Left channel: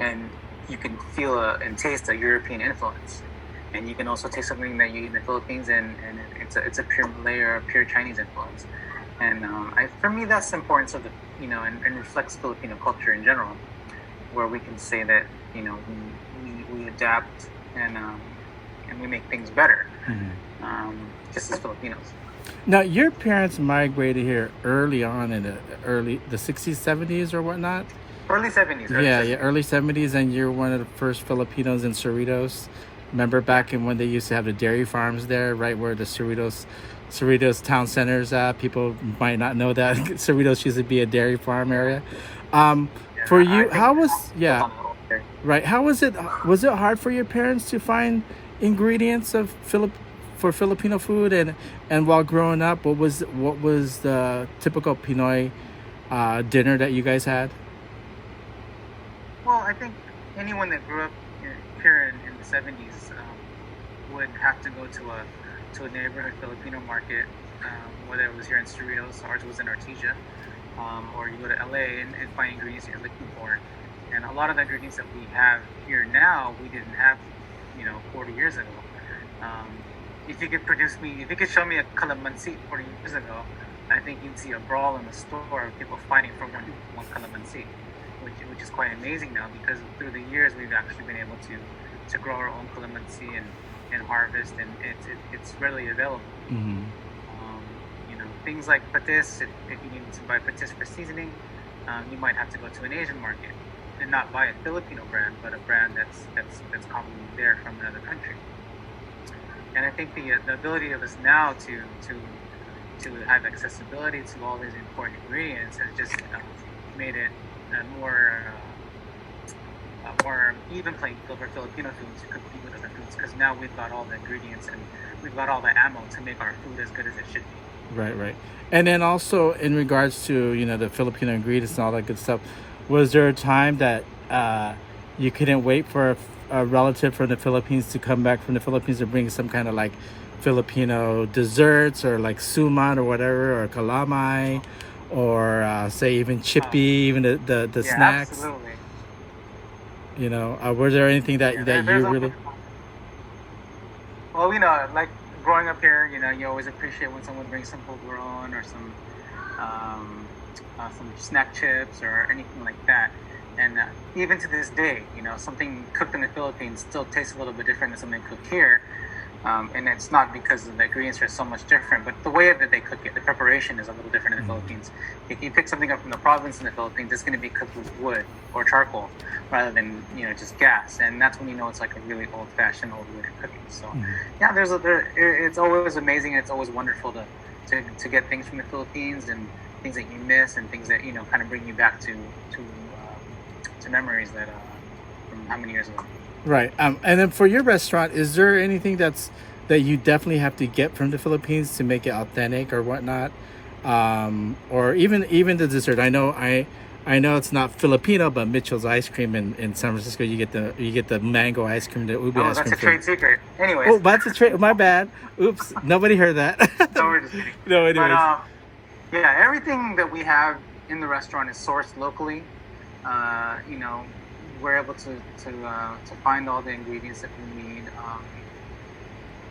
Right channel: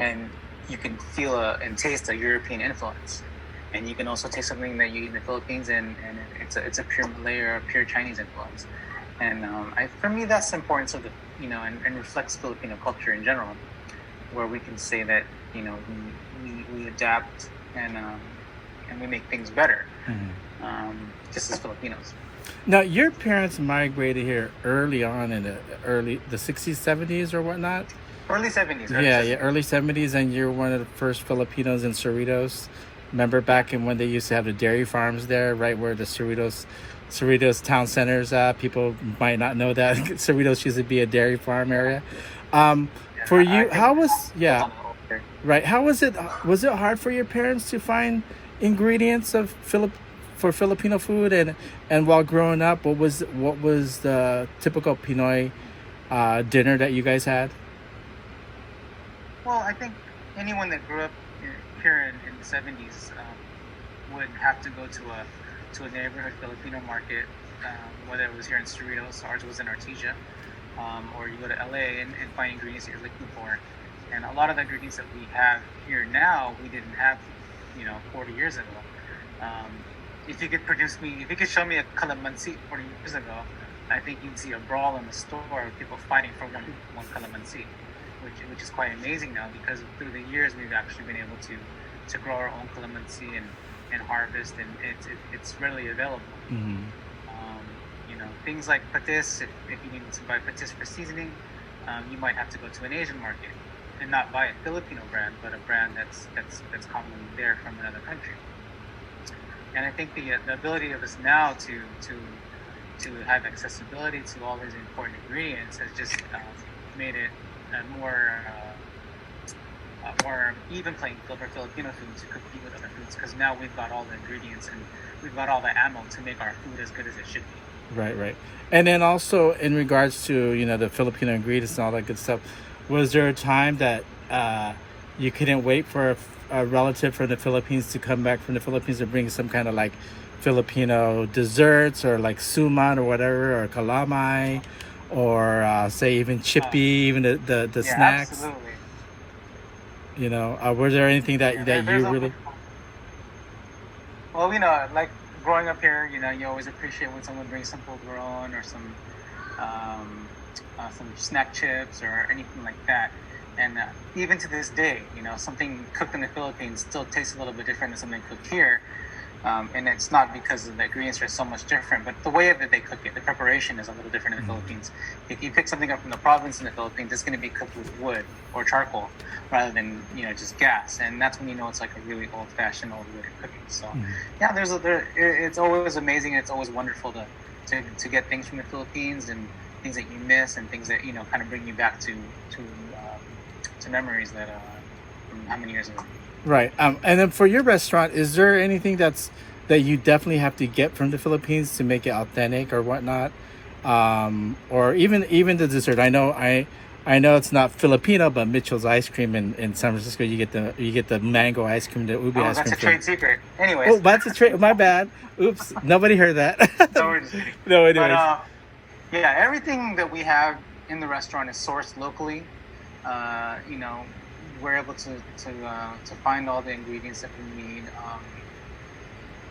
and you can feel and taste a European influence. And you can also taste something that you eat in the Philippines, and it's a pure Malay or a pure Chinese influence. And for me, that's the importance of and reflects Filipino culture in general, where we can say that we adapt and we make things better, just as Filipinos. Now, your parents migrated here early on in the 60s, 70s, or whatnot. Early 70s. Early 70s, and you're one of the first Filipinos in Cerritos. Remember back in when they used to have the dairy farms there, right where the Cerritos town center is at? People might not know that Cerritos used to be a dairy farm area. For you, how was it? Was it hard for your parents to find ingredients for Filipino food, and while growing up, what was the typical Pinoy dinner that you guys had? Well, I think anyone that grew up here in the 70s would have to go to a neighborhood Filipino market, whether it was here in Cerritos, ours was in Artesia, or you go to LA and find ingredients you're looking for. And a lot of the ingredients that we have here now, we didn't have 40 years ago. If you could show me a calamansi 40 years ago, I think you'd see a brawl in the store of people fighting for one calamansi, which is quite amazing now, because through the years we've actually been able to grow our own calamansi and harvest, and it's readily available. Mm-hmm. Things like patis, if you needed to buy patis for seasoning, you might have to go to an Asian market and not buy a Filipino brand, but a brand that's commonly there from another country. And I think the ability of us now to have accessibility to all these important ingredients has just made it a more even playing field for Filipino food to compete with other foods, because now we've got all the ingredients and we've got all the ammo to make our food as good as it should be. Right. And then also in regards to the Filipino ingredients and all that good stuff, was there a time that you couldn't wait for a relative from the Philippines to come back from the Philippines to bring some kind of like Filipino desserts, or like suman or whatever, or calamay, or say even chippy, even the snacks? Absolutely. Was there anything that you really? Well, like growing up here, you always appreciate when someone brings some polvoron or some snack chips or anything like that. And even to this day, something cooked in the Philippines still tastes a little bit different than something cooked here. And it's not because the ingredients are so much different, but the way that they cook it, the preparation is a little different in the Philippines. If you pick something up from the province in the Philippines, it's going to be cooked with wood or charcoal rather than just gas, and that's when it's like a really old-fashioned, old way of cooking. So it's always amazing, and it's always wonderful to get things from the Philippines, and things that you miss, and things that kind of bring you back to memories that from how many years ago. Right. And then for your restaurant, is there anything that you definitely have to get from the Philippines to make it authentic or whatnot? Or even the dessert. I know it's not Filipino, but Mitchell's ice cream in San Francisco, you get the mango ice cream, the ubi ice cream. That's a trade secret. Anyways. Oh, that's a trade. My bad. Oops. Nobody heard that. No, anyways. But, everything that we have in the restaurant is sourced locally. We're able to find all the ingredients that we need.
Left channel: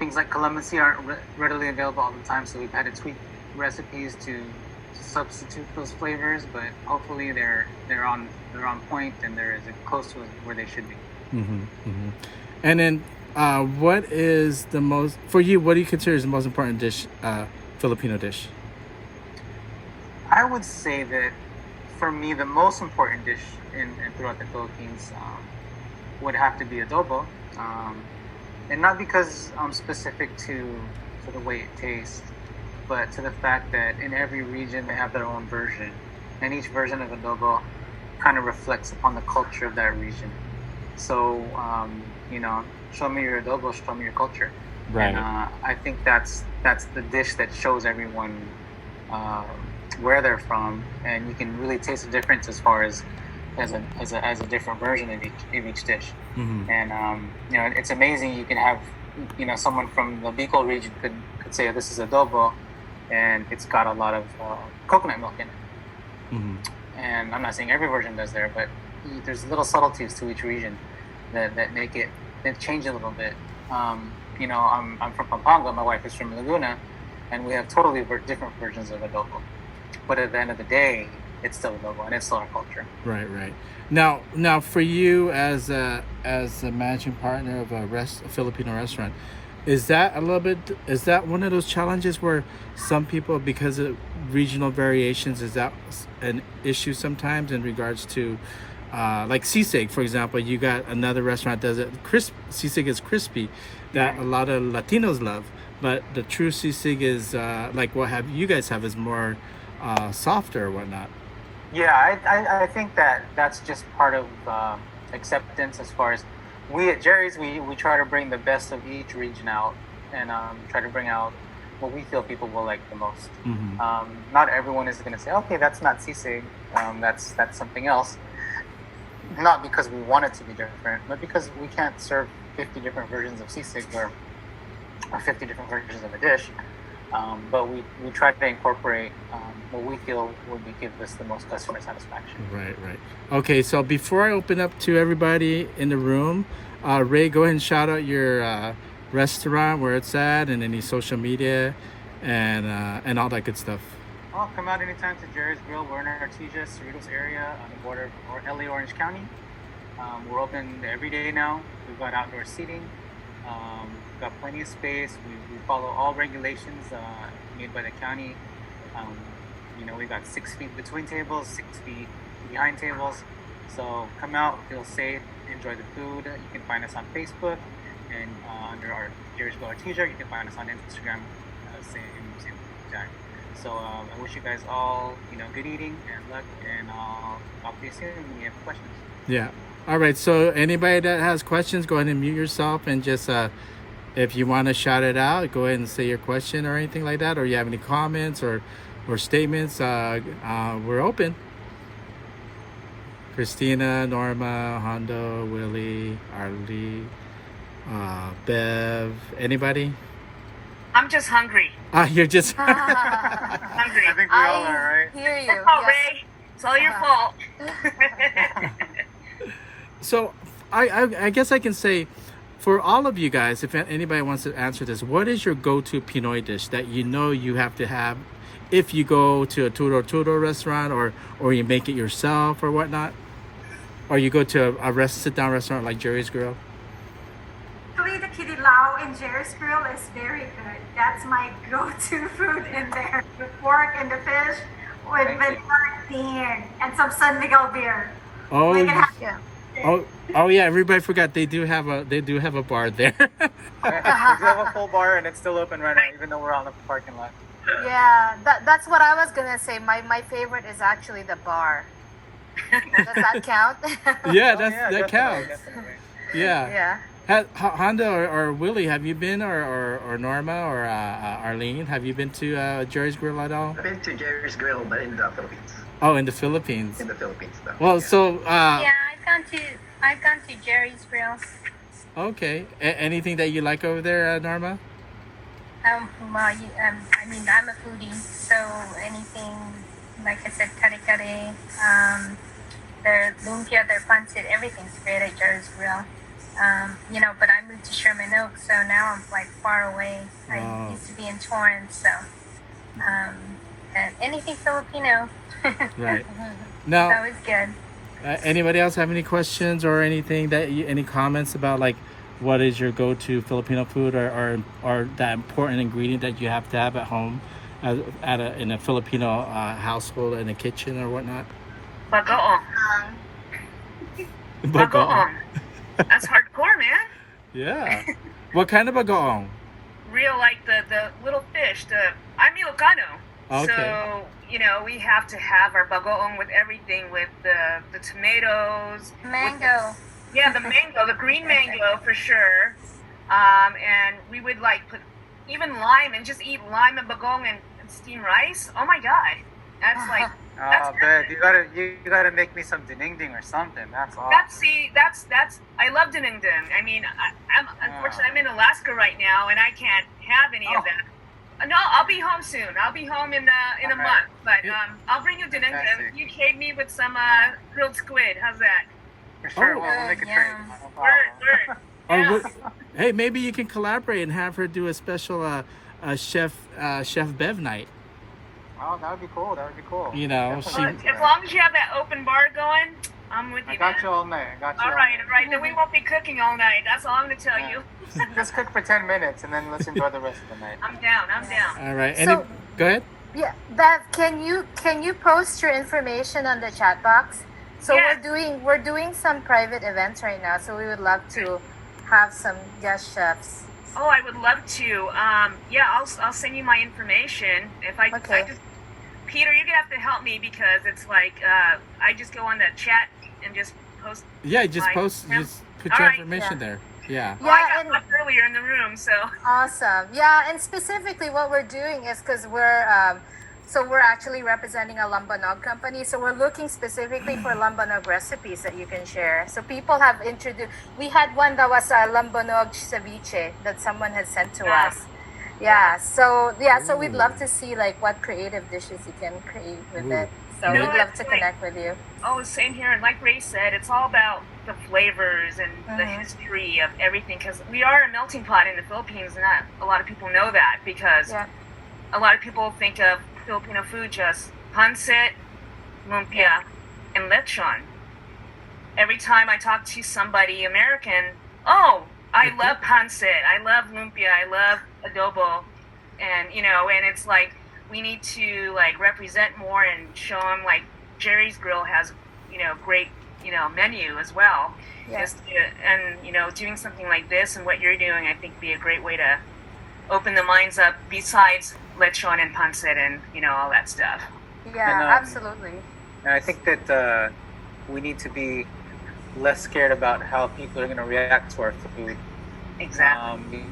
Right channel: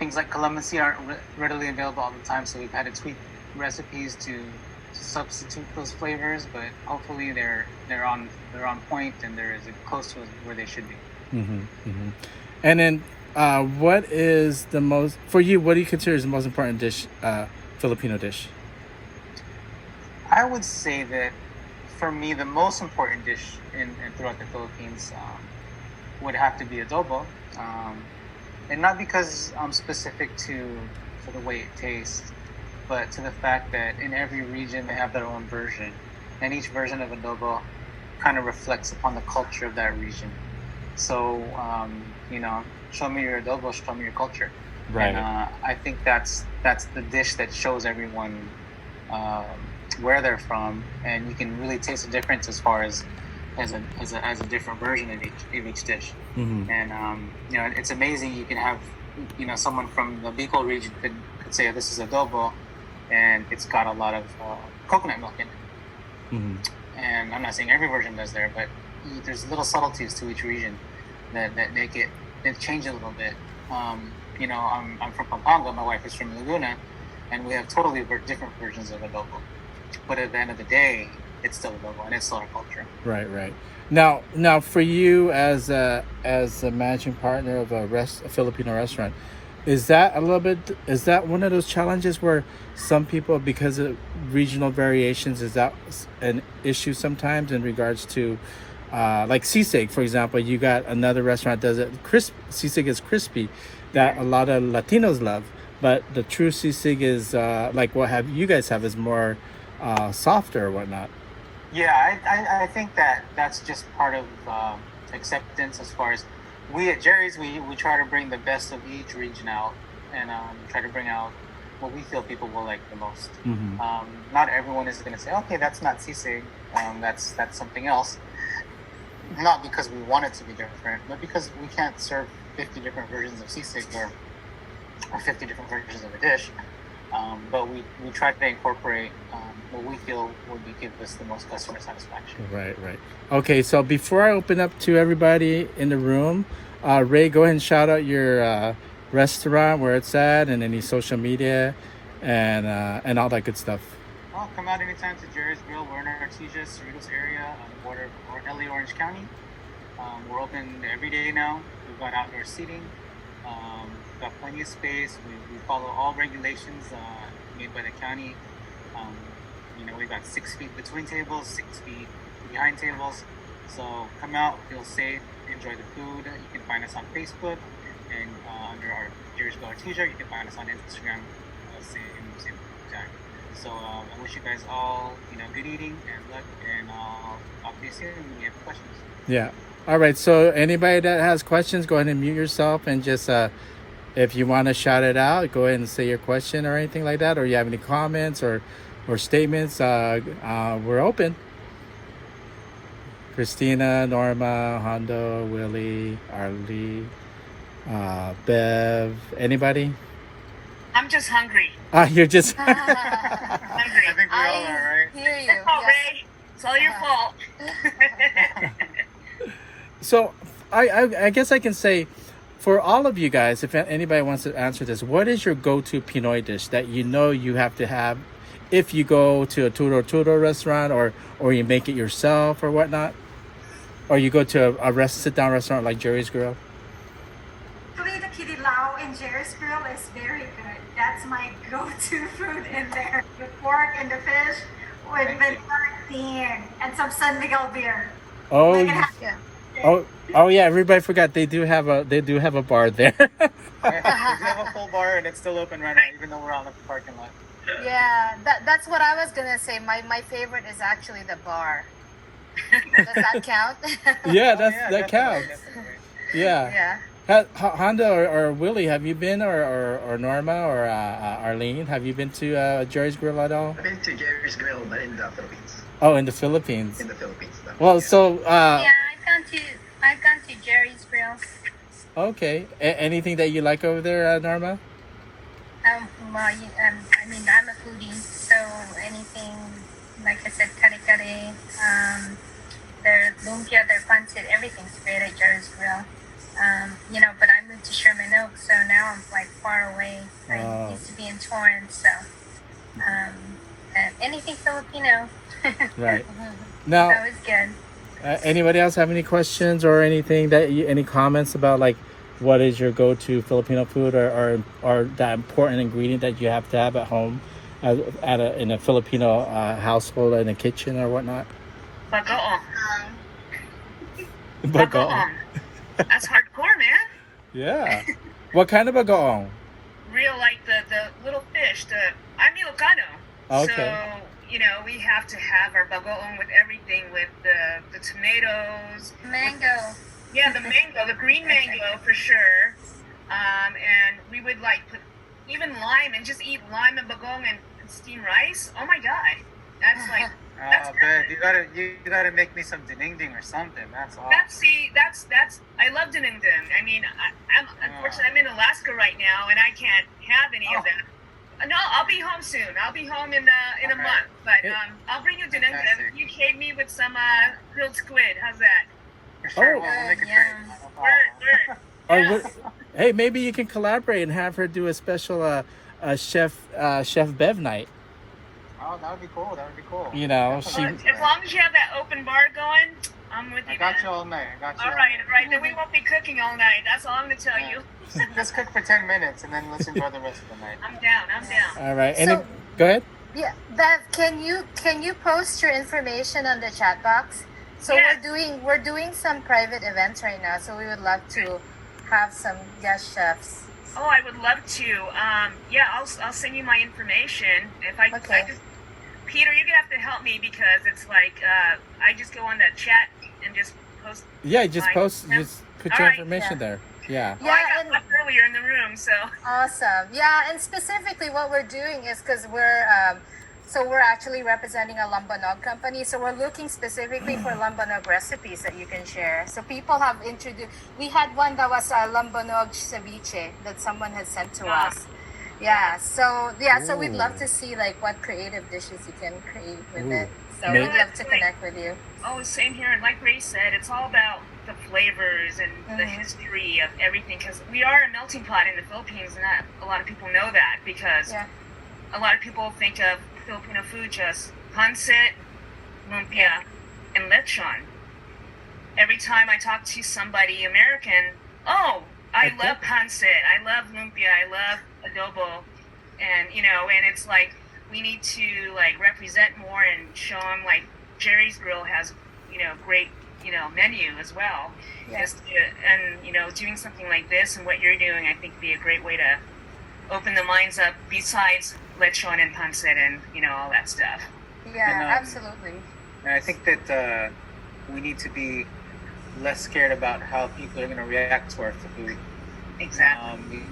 Things like calamansi aren't readily available all the time, so we've had to tweak recipes to substitute those flavors. But hopefully they're on point, and they're as close to where they should be. Mm-hmm, mm-hmm. And then, what is the most for you? What do you consider is the most important dish, Filipino dish? I would say that, for me, the most important dish throughout the Philippines would have to be adobo, and not because I'm specific to the way it tastes, but to the fact that in every region they have their own version, and each version of adobo kind of reflects upon the culture of that region. So, show me your adobo, show me your culture. Right. And I think that's the dish that shows everyone where they're from, and you can really taste the difference as far as a different version of each dish. Mm-hmm. And it's amazing. You can have someone from the Bicol region could say this is adobo, and it's got a lot of coconut milk in it. Mm-hmm. And I'm not saying every version does there, but there's little subtleties to each region that make it change a little bit. I'm from Pampanga. My wife is from Laguna, and we have totally different versions of adobo. But at the end of the day, it's still adobo, and it's still our culture. Right. Now, for you as a managing partner of a Filipino restaurant, is that one of those challenges where some people, because of regional variations, is that an issue sometimes in regards to like sisig, for example? You got another restaurant that does it sisig is crispy, that a lot of Latinos love, but the true sisig is like what you guys have is more softer or whatnot. Yeah, I think that's just part of acceptance. As far as we at Gerry's, we try to bring the best of each region out, and try to bring out what we feel people will like the most. Mm-hmm. Not everyone is going to say, okay, that's not sisig, that's something else. Not because we want it to be different, but because we can't serve 50 different versions of sisig or 50 different versions of a dish. But we try to incorporate what we feel would give us the most customer satisfaction. Right. Okay, so before I open up to everybody in the room, Ray, go ahead and shout out your restaurant, where it's at, and any social media, and all that good stuff. Well, come out anytime to Gerry's Grill. We're in Artesia, Cerritos area on the border of LA Orange County. We're open every day now. We've got outdoor seating. We've got plenty of space. We follow all regulations made by the county. We've got 6 feet between tables, 6 feet behind tables. So come out, feel safe, enjoy the food. You can find us on Facebook and under our Gerry's Grill Artesia. You can find us on Instagram, same tag. So I wish you guys all, good eating and luck, and I'll talk to you soon when you have questions. Yeah. All right. So anybody that has questions, go ahead and mute yourself, and just if you want to shout it out, go ahead and say your question or anything like that, or you have any comments or statements. We're open. Christina, Norma, Hondo, Willie, Arlie, Bev, anybody? I'm just hungry. You're just hungry. I think we all are, right? Hear you. Oh, Ray, it's all your fault. So I guess I can say, for all of you guys, if anybody wants to answer this, what is your go-to Pinoy dish that you have to have if you go to a Turo restaurant, or you make it yourself or whatnot, or you go to a sit-down restaurant like Gerry's Grill? Actually, the kinilaw in Gerry's Grill is very good. That's my go-to food in there. The pork and the fish with vanilla bean and some San Miguel beer. Oh, Yeah. oh yeah! Everybody forgot they do have a bar there. We do have a full bar, and it's still open right now, even though we're out in the parking lot. Yeah, that's what I was gonna say. My favorite is actually the bar. Does that count? Yeah, Definitely, counts. definitely. Yeah. Yeah. Honda or Willie, have you been, or Norma or Arlene, have you been to Gerry's Grill at all? I've been to Gerry's Grill, but in the Philippines. Oh, in the Philippines. In the Philippines, though. Well, Yeah. so Yeah, I've gone to Gerry's Grill. okay. Anything that you like over there, Norma? I'm a foodie, so anything, like I said, kare-kare, their lumpia, their pancit, everything's great at Gerry's Grill. But I moved to Sherman Oaks, so now I'm like far away. I used to be in Torrance, so anything Filipino. Right. It's Now, always good. anybody else have any questions or anything any comments about, like, what is your go-to Filipino food, or that important ingredient that you have to have at home, in a Filipino household, in a kitchen or whatnot? Bagoong. Bagoong. Bagoong. That's hardcore, man. Yeah. What kind of bagoong? Real, like the little fish. I'm Ilocano. Okay. So, we have to have our bagoong with everything, with the tomatoes. Mango. The mango, the green mango for sure. And we would put even lime and just eat lime and bagoong and steam rice. Oh my God. That's Oh, Bev, you gotta make me some dinengding or something. That's awesome. That's I love dinengding. I mean, I'm unfortunately I'm in Alaska right now and I can't have any of that. No, I'll be home soon. I'll be home in a month. But I'll bring you dinengding. You trade me with some grilled squid. How's that? For sure. Oh. We'll make a Yeah. trade. No problem. Word. Or Yes. hey, maybe you can collaborate and have her do a special chef Bev night. Oh, that would be cool. That would be cool. You know, Definitely. But as long as you have that open bar going, I'm with you. I got man. you all night. I got you All right. Then we won't be cooking all night. That's all I'm gonna tell Yeah. you. Let's cook for 10 minutes and then let's enjoy the rest of the night. I'm down. all right. So- Go ahead. Yeah, Bev, can you post your information on the chat box? So Yes. we're doing some private events right now, so we would love to have some guest chefs. Oh, I would love to. Yeah, I'll send you my information. If I Okay. Peter, you're gonna have to help me because it's like I just go on the chat and just post. Yeah, just Fine. post. Yeah. Just put All your right. information there. Yeah. Well, I Yeah, got and left earlier in the room, so. awesome. Yeah, and specifically what we're doing is because we're actually representing a Lambanog company, so we're looking specifically for Lambanog recipes that you can share. So people have introduced. We had one that was a Lambanog ceviche that someone had sent to Ah. us. Yeah. So we'd Ooh. love to see like what creative dishes you can create with Ooh. it. So You we'd know- love to connect with you. Oh, same here. And like Ray said, it's all about the flavors and the Mhm. history of everything. Because we are a melting pot in the Philippines, and not a lot of people know that. Because Yeah. a lot of people think of Filipino food just pancit, lumpia, and lechon. Every time I talk to somebody American, oh, I Okay. love pancit, I love lumpia, I love adobo, and and it's like we need to like represent more and show them like Gerry's Grill has great menu as well. Yeah. And doing something like this and what you're doing, I think would be a great way to open the minds up besides lechon and pancit and all that stuff. Yeah, And, absolutely. And I think that we need to be less scared about how people are going to react to our food. Exactly.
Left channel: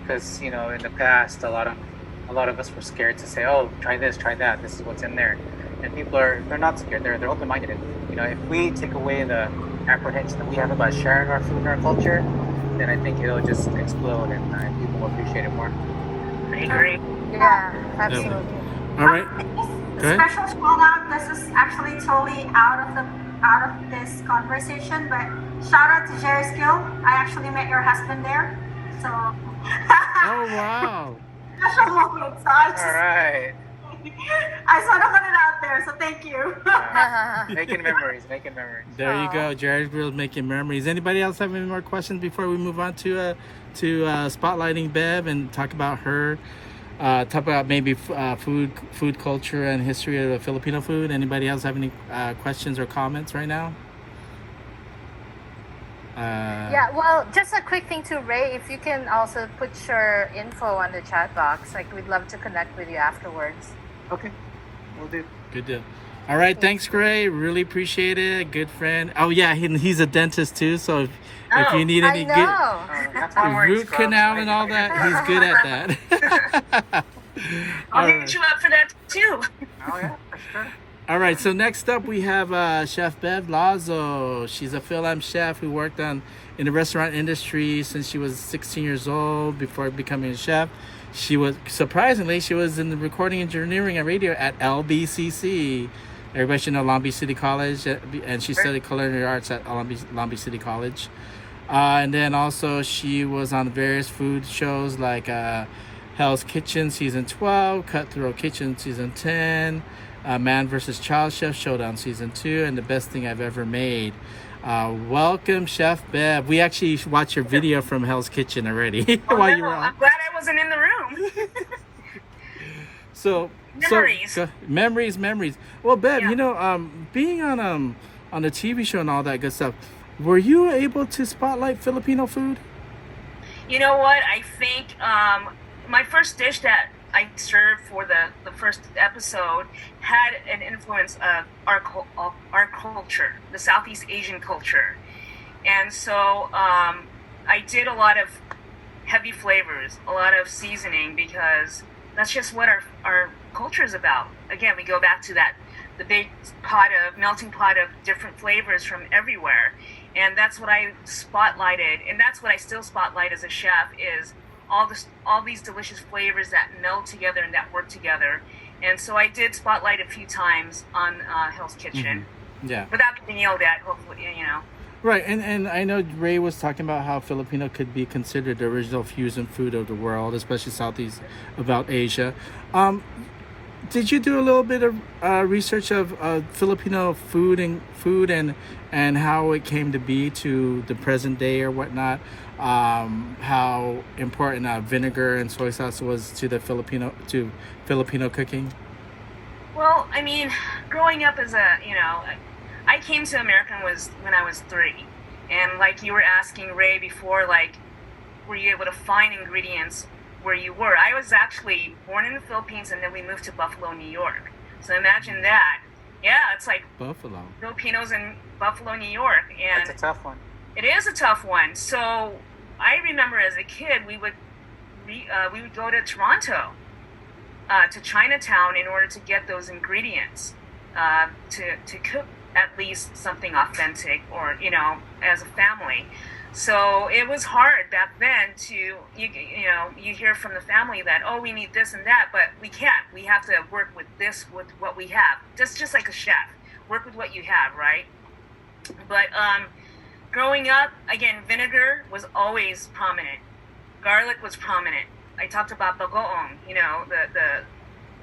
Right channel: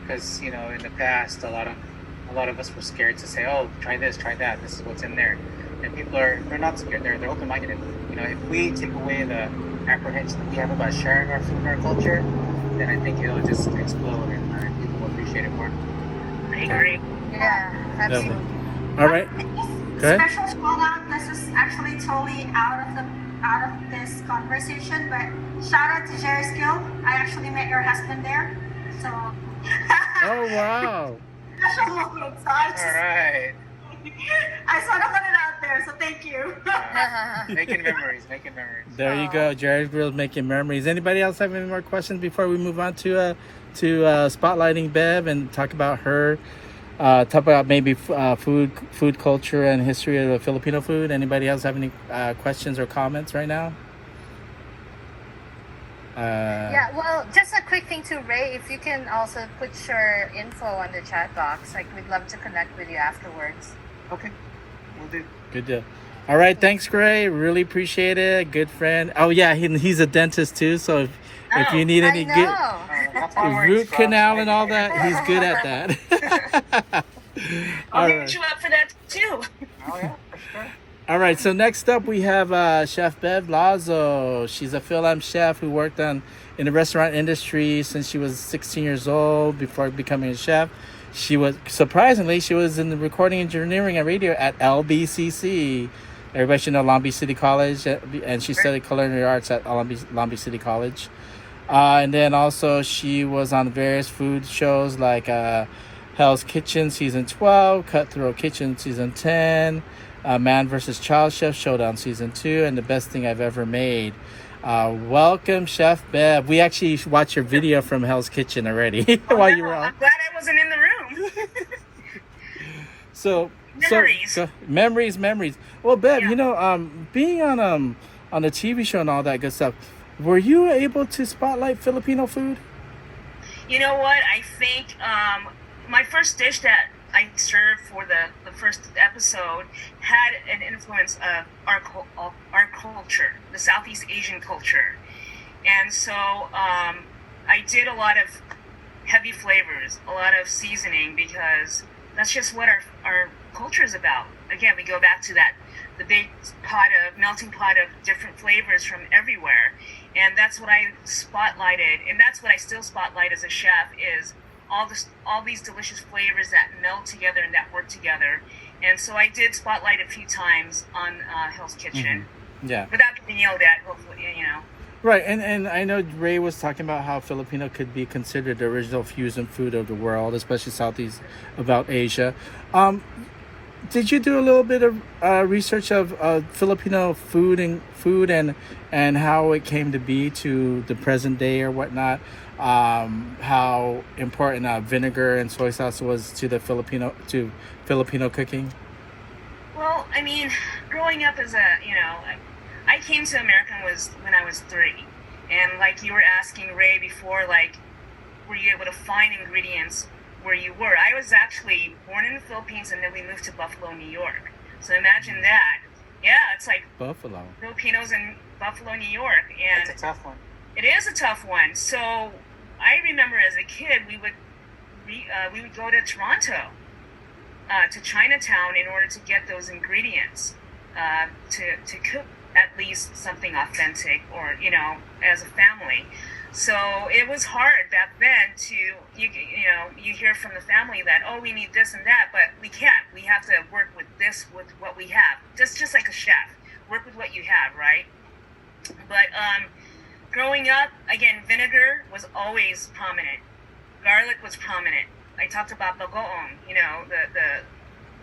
Because in the past, a lot of us were scared to say, "Oh, try this, try that. This is what's in there," and people they're not scared. They're open-minded. If we take away the apprehension that we have about sharing our food and our culture, then I think it'll just explode, and people will appreciate it more. I agree. Yeah, absolutely. All right. Go ahead. Special shout out. This is actually totally out of this conversation, but shout out to Gerry's Guild. I actually met your husband there, so. Oh wow. Special moment. So All right. I sort of put it out there, so thank you. Making memories. There you go. Gerry's Grill's making memories. Anybody else have any more questions before we move on to spotlighting Bev and talk about her? Talk about maybe food culture and history of Filipino food. Anybody else have any questions or comments right now? Yeah, well, just a quick thing to Ray, if you can also put your info on the chat box, like we'd love to connect with you afterwards. Okay, we'll do. Good deal. All right, thanks, Gray. Really appreciate it. Good friend. Oh yeah, he's a dentist too. So if you need any I know. good That's why I'm wearing root scrubs. canal and all that, he's good at that. I'll All hit right. you up for that too. Oh yeah, for sure. All right, so next up we have Chef Bev Lazo. She's a FilAm chef who worked in the restaurant industry since she was 16 years old before becoming a chef. She was in the recording engineering and radio at LBCC. Everybody should know Long Beach City College, and she studied culinary arts at Long Beach City College. And then also she was on various food shows like Hell's Kitchen Season 12, Cutthroat Kitchen Season 10, Man vs. Child Chef Showdown Season 2, and The Best Thing I've Ever Made. Welcome, Chef Bev. We actually watched your video from Hell's Kitchen already while you were on. I'm glad I wasn't in the room. So Memories. Memories. Well, Bev, Yeah. being on the TV show and all that good stuff, were you able to spotlight Filipino food? You know what? I think my first dish that I served for the first episode had an influence of our culture, the Southeast Asian culture. And so I did a lot of heavy flavors, a lot of seasoning, because that's just what our culture is about. Again, we go back to the big melting pot of different flavors from everywhere. And that's what I spotlighted, and that's what I still spotlight as a chef, is all these delicious flavors that meld together and that work together. And so I did spotlight a few times on Hell's Kitchen, Yeah. without getting yelled at, hopefully, Right, and I know Ray was talking about how Filipino could be considered the original fusion food of the world, especially Southeast about Asia. Um, did you do a little bit of research of Filipino food and how it came to be to the present day or whatnot? How important vinegar and soy sauce was to the Filipino cooking? Well, I mean, growing up as a, I came to America when I was 3. And like you were asking Ray before, like, were you able to find ingredients where you were? I was actually born in the Philippines and then we moved to Buffalo, New York. So imagine that. Yeah, it's like Buffalo. Filipinos in Buffalo, New York. And That's a tough one. it is a tough one. So I remember as a kid, we would go to Toronto, to Chinatown in order to get those ingredients to cook at least something authentic, or as a family. So it was hard back then to you hear from the family that, oh, we need this and that, but we can't. We have to work with what we have. Just like a chef, work with what you have, right? But growing up, again, vinegar was always prominent. Garlic was prominent. I talked about bagoong, the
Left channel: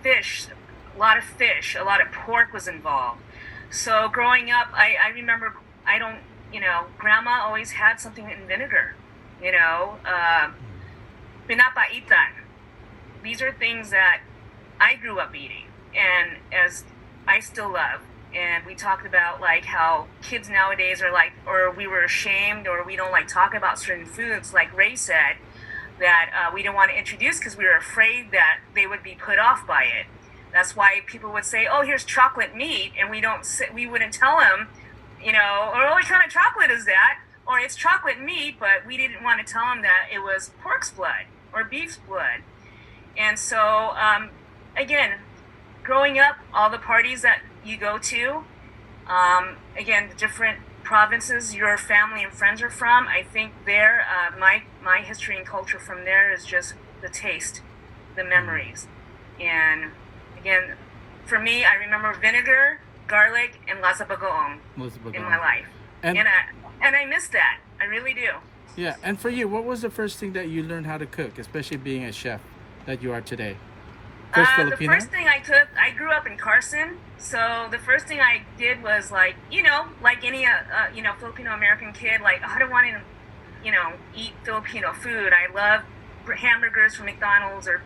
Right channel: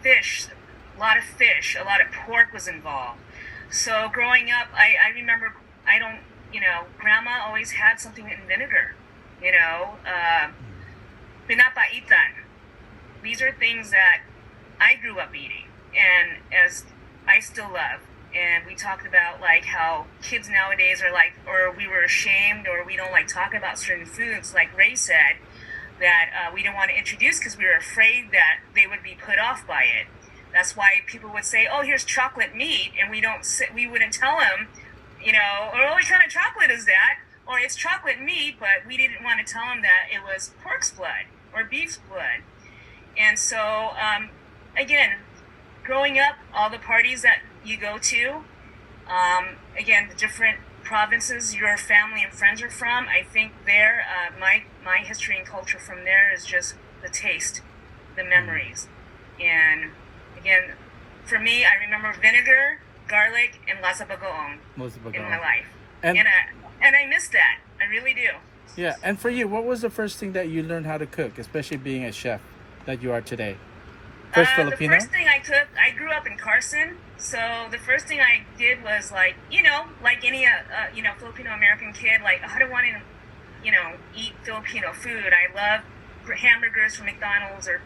fish, a lot of pork was involved. So growing up, I remember, grandma always had something in vinegar, pinapaitan. These are things that I grew up eating, and as I still love. And we talked about like how kids nowadays are like, or we were ashamed, or we don't like talk about certain foods, like Ray said, that we didn't want to introduce because we were afraid that they would be put off by it. That's why people would say, "Oh, here's chocolate meat," and we wouldn't tell them, or what kind of chocolate is that? Or it's chocolate meat, but we didn't want to tell them that it was pork's blood or beef's blood. And so, again, growing up, all the parties that you go to, again, the different provinces your family and friends are from, I think there, my history and culture from there is just the taste, the memories. And again, for me, I remember vinegar, garlic, and lasa bagoong in my life. And I miss that. I really do. Yeah, and for you, what was the first thing that you learned how to cook, especially being a chef that you are today? First Filipino? The first thing I cooked, I grew up in Carson, so the first thing I did was like any Filipino-American kid, like, I don't want to, eat Filipino food. I love hamburgers from McDonald's or,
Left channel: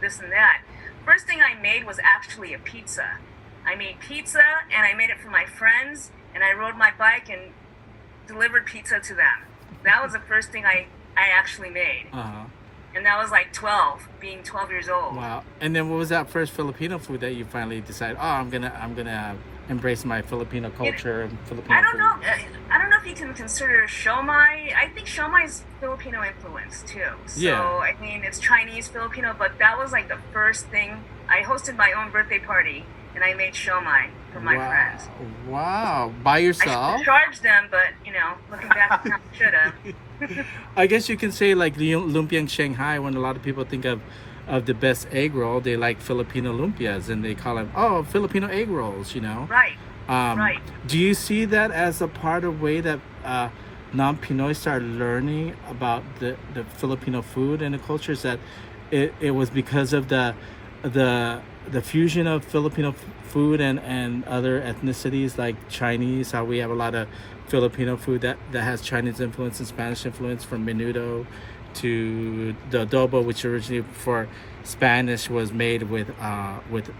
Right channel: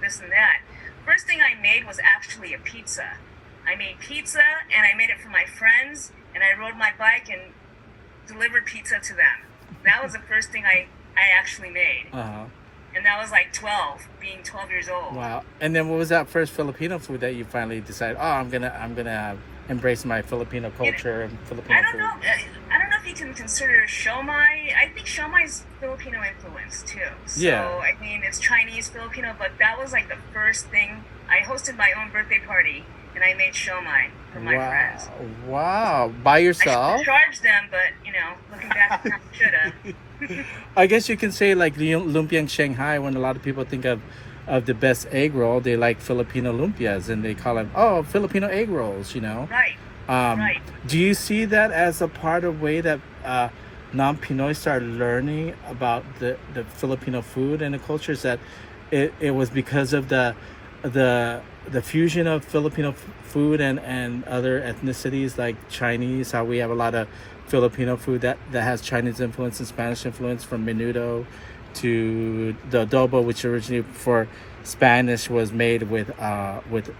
this and that. First thing I made was actually a pizza. I made pizza, and I made it for my friends, and I rode my bike and delivered pizza to them. That was the first thing I actually made. Uh-huh. And that was like 12 years old. Wow. And then what was that first Filipino food that you finally decided, I'm gonna embrace my Filipino culture and Filipino food? I don't know if you can consider siomai. I think siomai is Filipino influence too. So Yeah. I mean, it's Chinese Filipino, but that was like the first thing. I hosted my own birthday party, and I made siomai for my friends. Wow. By I yourself? should charge them, but looking back, I should have. I guess you can say like the lumpia in Shanghai, when a lot of people think of the best egg roll, they like Filipino lumpias, and they call them, Filipino egg rolls, Right. Right. Do you see that as a part of way that non-Pinoy started learning about the Filipino food and the cultures, that it was because of the fusion of Filipino food and other ethnicities like Chinese, how we have a lot of Filipino food that has Chinese influence and Spanish influence, from menudo to the adobo, which originally for Spanish was made with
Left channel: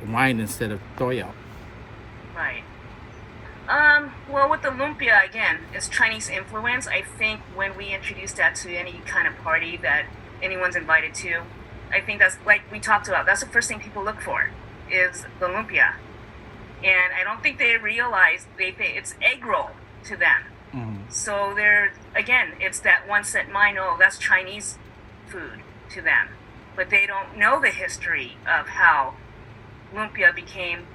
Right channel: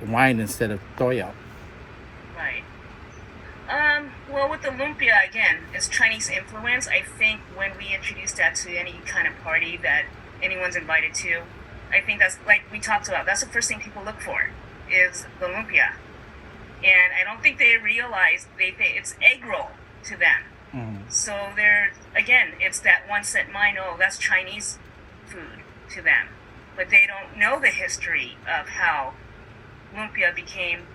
wine instead of toyo. Right. Well, with the lumpia, again, it's Chinese influence. I think when we introduce that to any kind of party that anyone's invited to, I think that's, like we talked about, that's the first thing people look for, is the lumpia. And I don't think they realize it's egg roll to them. Mm. So it's that one set mind, that's Chinese food to them. But they don't know the history of how lumpia became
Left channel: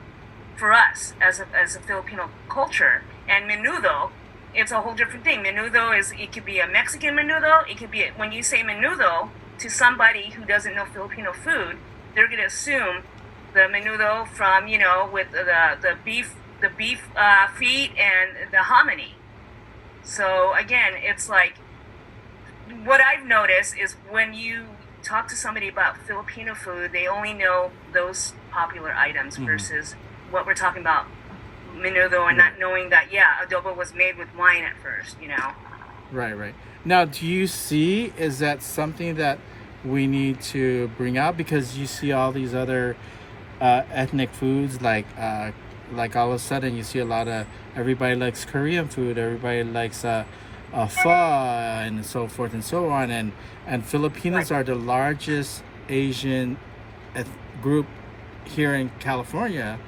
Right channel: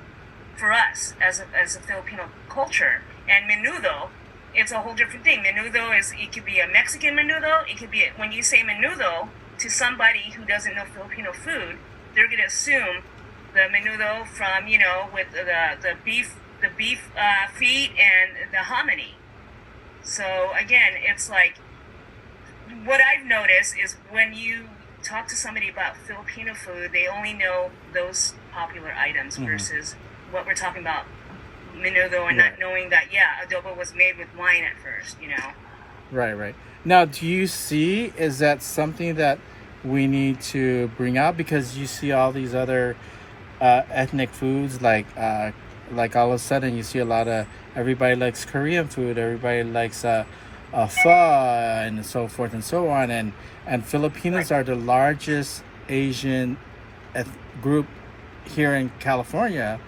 for us as a Filipino culture. And menudo, it's a whole different thing. Menudo it could be a Mexican menudo. It could be, when you say menudo to somebody who doesn't know Filipino food, they're going to assume the menudo from, with the beef feet and the hominy. So again, it's like what I've noticed is when you talk to somebody about Filipino food, they only know those popular items versus what we're talking about menudo, and not knowing that adobo was made with wine at first, you know. Right. Now, do you see, is that something that we need to bring out? Because you see all these other ethnic foods, like all of a sudden you see a lot of, everybody likes Korean food, everybody likes pho, and so forth and so on, and Filipinos are the largest Asian group here in California,